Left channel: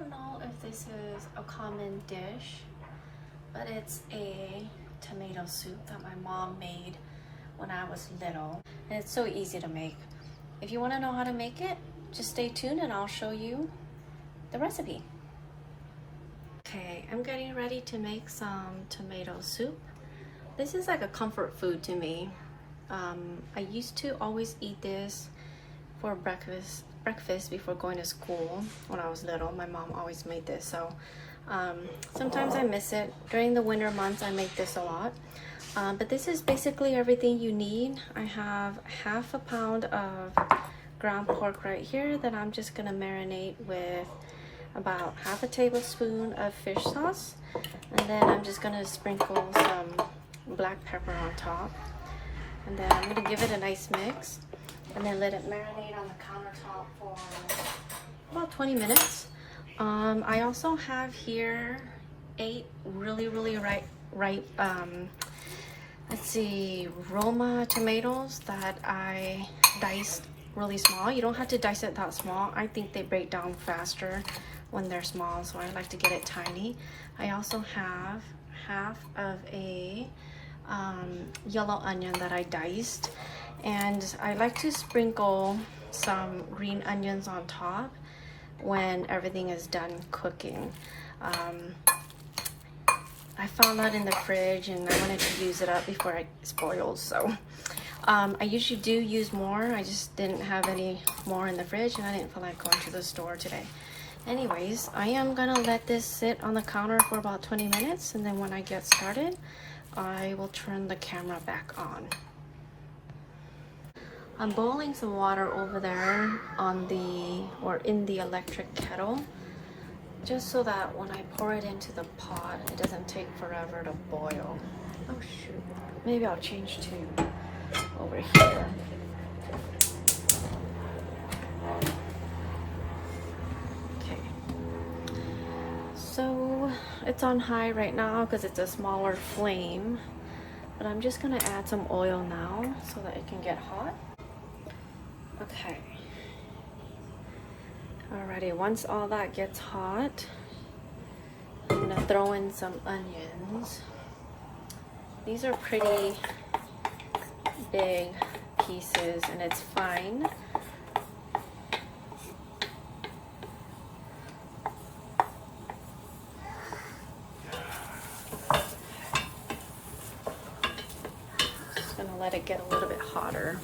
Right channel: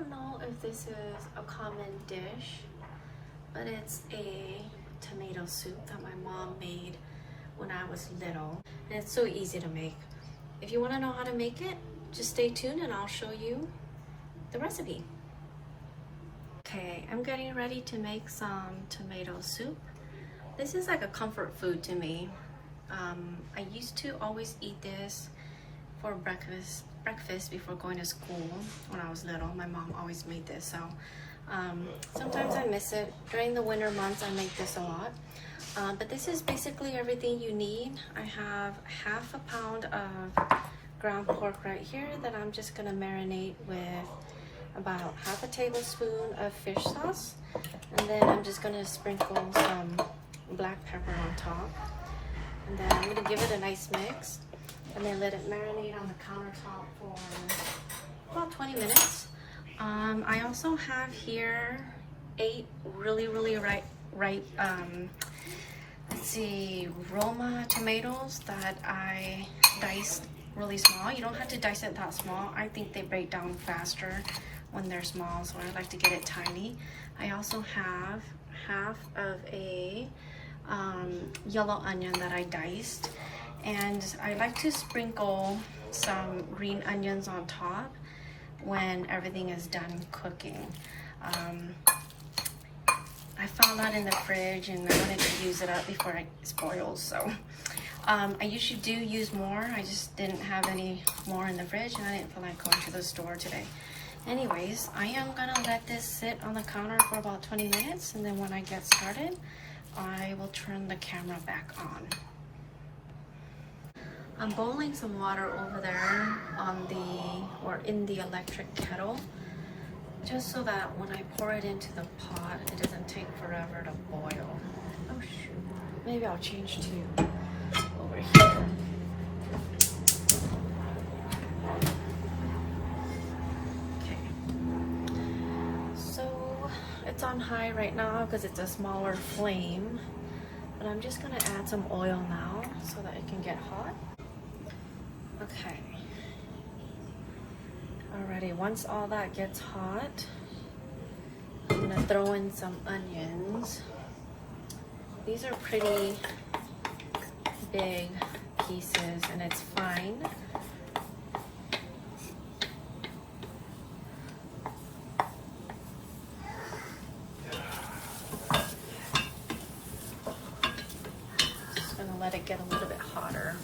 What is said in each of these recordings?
don't know if this is a common dish, but it's a tomato soup that my mom made when I was little. And it's so easy to make. If you want to know how to make it, just stay tuned and I'll show you the recipe. Okay, I'm getting ready to make some tomato soup. This is like a comfort food to me. I used to always eat this for breakfast before going to school when I was little. My mom always made this, so sometimes I miss it. During the winter months I make this a lot, but this is basically everything you need. I have half a pound of ground pork right here that I'm just gonna marinate with about half a tablespoon of fish sauce, and then I'm just gonna sprinkle some black pepper on top, and then I'm gonna give it a nice mix and then let it marinate on the countertop for about 20 minutes. I also have here 8 really ripe roma tomatoes that I diced really small. You don't have to dice it that small. I think they break down faster when they're small, so I like to get it tiny. I also have half of a yellow onion that I diced, and I like to sprinkle some green onions on top when everything is done cooking. I found that in the fridge and I wanted to use it up before it spoils, so I usually do use more. I just didn't have any more in the fridge and I didn't feel like going to the store today. Anyways, I am gonna let this sit on the counter for about 20 minutes, and then when I get started I will turn the camera back on. I'm boiling some water over there in the electric kettle, just so that when I pour it into the pot, it doesn't take forever to boil. Oh shoot, maybe I'll change to over here. Okay, so it's on high right now because it's a smaller flame, but I'm just gonna add some oil now so that it can get hot. Okay. Alrighty, once all that gets hot, I'm gonna throw in some onions. These are pretty big pieces and it's fine. Just gonna let it get a little bit hotter.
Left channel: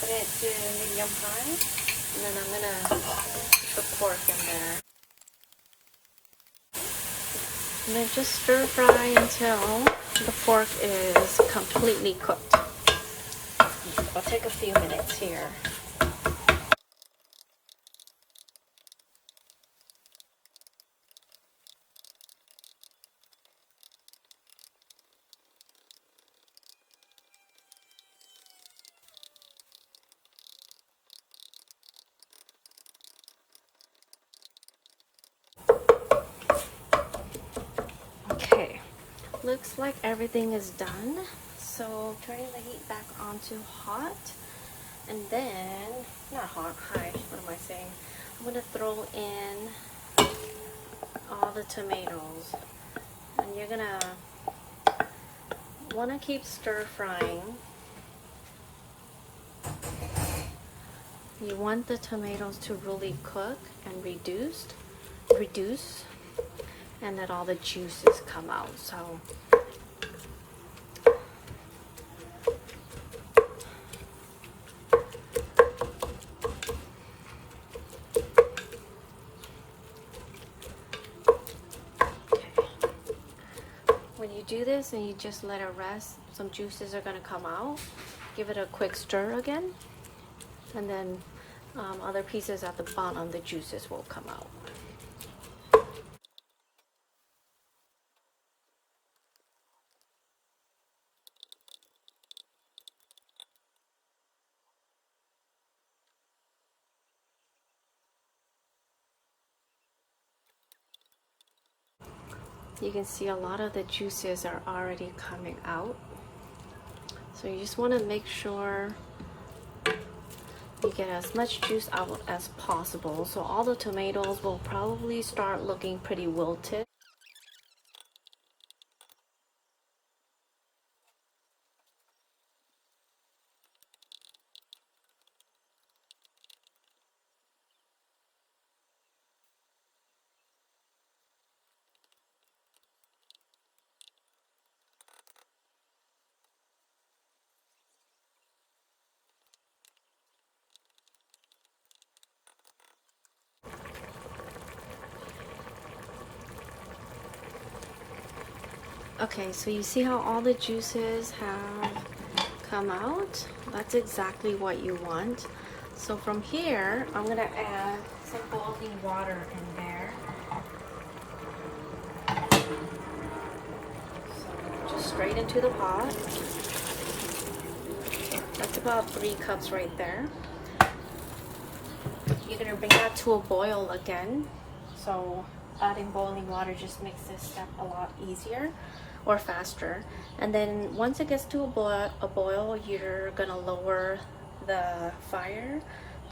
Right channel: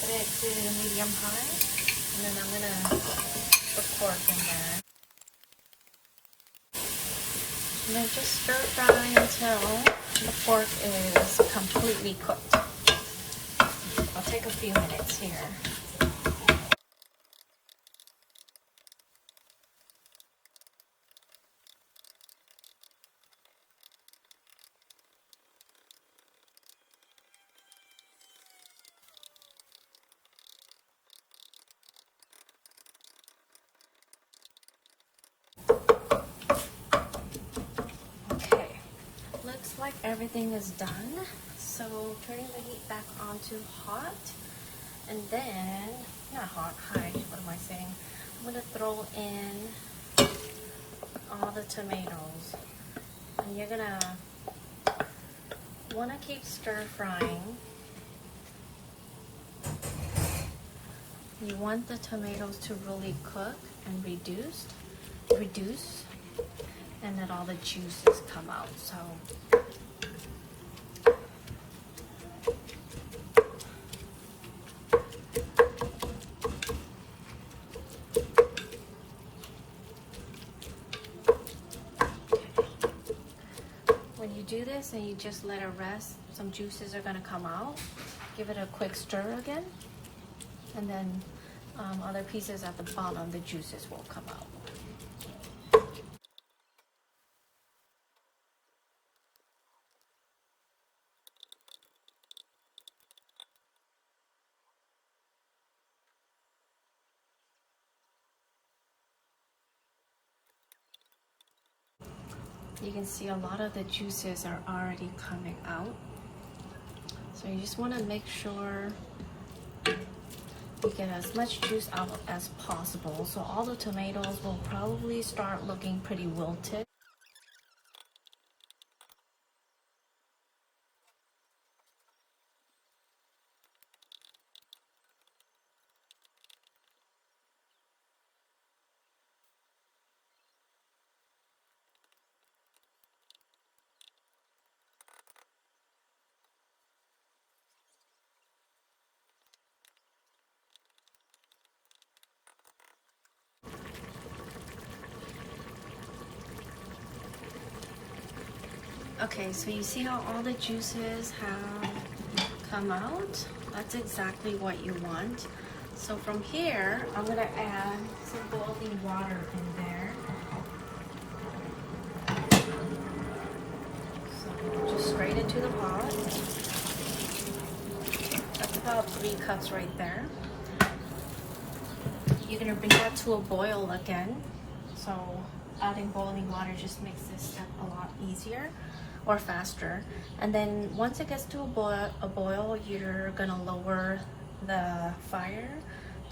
Put it to medium high, and then I'm gonna put the pork in there. And then just stir fry until the pork is completely cooked. It'll take a few minutes here. Looks like everything is done, so turn the heat back on to hot, and then, not hot, high, what am I saying? I'm gonna throw in all the tomatoes, and you're gonna wanna keep stir frying. You want the tomatoes to really cook and reduce, and let all the juices come out. So when you do this and you just let it rest, some juices are going to come out. Give it a quick stir again, and then other pieces at the bottom, the juices will come out. You can see a lot of the juices are already coming out. So you just want to make sure you get as much juice out as possible. So all the tomatoes will probably start looking pretty wilted. Okay, so you see how all the juices have come out? That's exactly what you want. So from here, I'm gonna add some boiling water in there. So just straight into the pot. That's about 3 cups right there. You're gonna bring that to a boil again. So adding boiling water just makes this step a lot easier or faster. And then once it gets to a boil, you're gonna lower the fire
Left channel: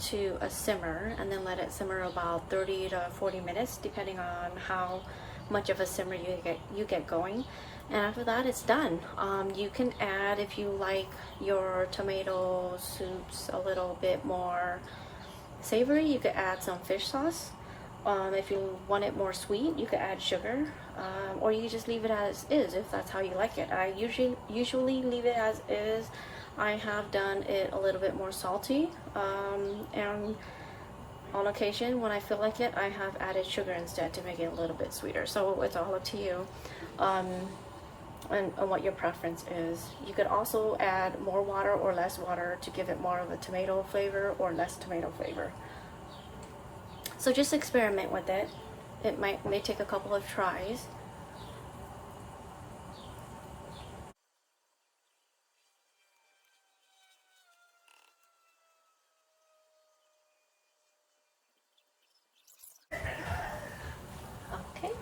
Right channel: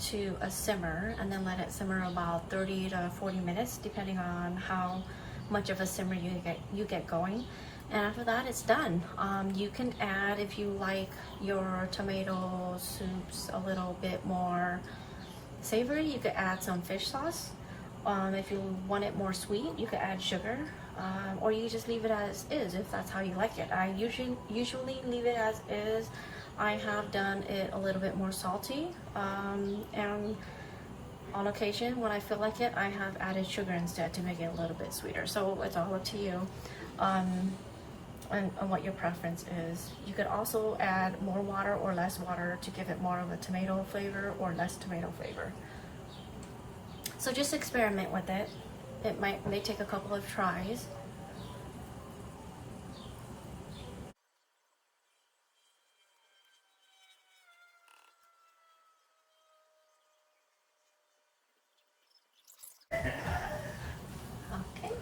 to a simmer and then let it simmer about 30 to 40 minutes depending on how much of a simmer you get going. And after that, it's done. You can add, if you like your tomato soups a little bit more savory, you could add some fish sauce. If you want it more sweet, you could add sugar, or you just leave it as is if that's how you like it. I usually leave it as is. I have done it a little bit more salty, and on occasion when I feel like it, I have added sugar instead to make it a little bit sweeter. So it's all up to you, and what your preference is. You could also add more water or less water to give it more of a tomato flavor or less tomato flavor. So just experiment with it. It may take a couple of tries. Okay.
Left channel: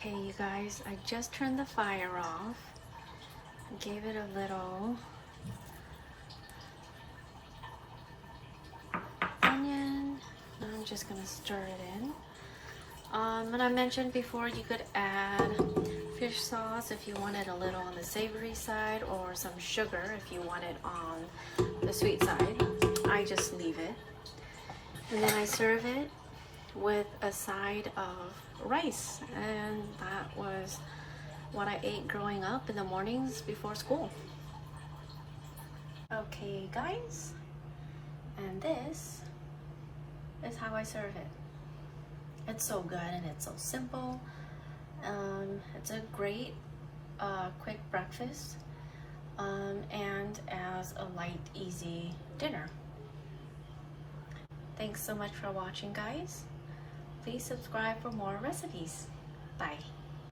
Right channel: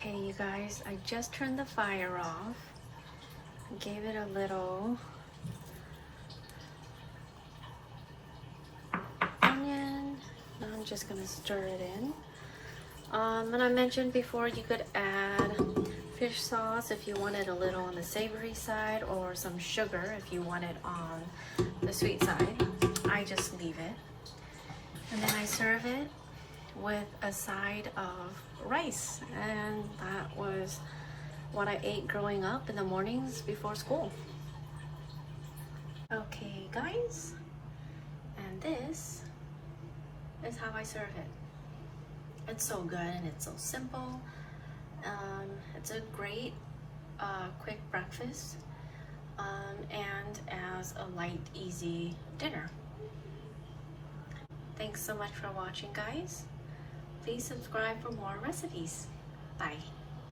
Okay, you guys, I just turned the fire off. I gave it a little onion. Now I'm just gonna stir it in. And I mentioned before you could add fish sauce if you want it a little on the savory side, or some sugar if you want it on the sweet side. I just leave it. And then I serve it with a side of rice. And that was what I ate growing up in the mornings before school. Okay, guys, and this is how I serve it. It's so good and it's so simple. It's a great quick breakfast, and as a light, easy dinner. Thanks so much for watching, guys. Please subscribe for more recipes. Bye.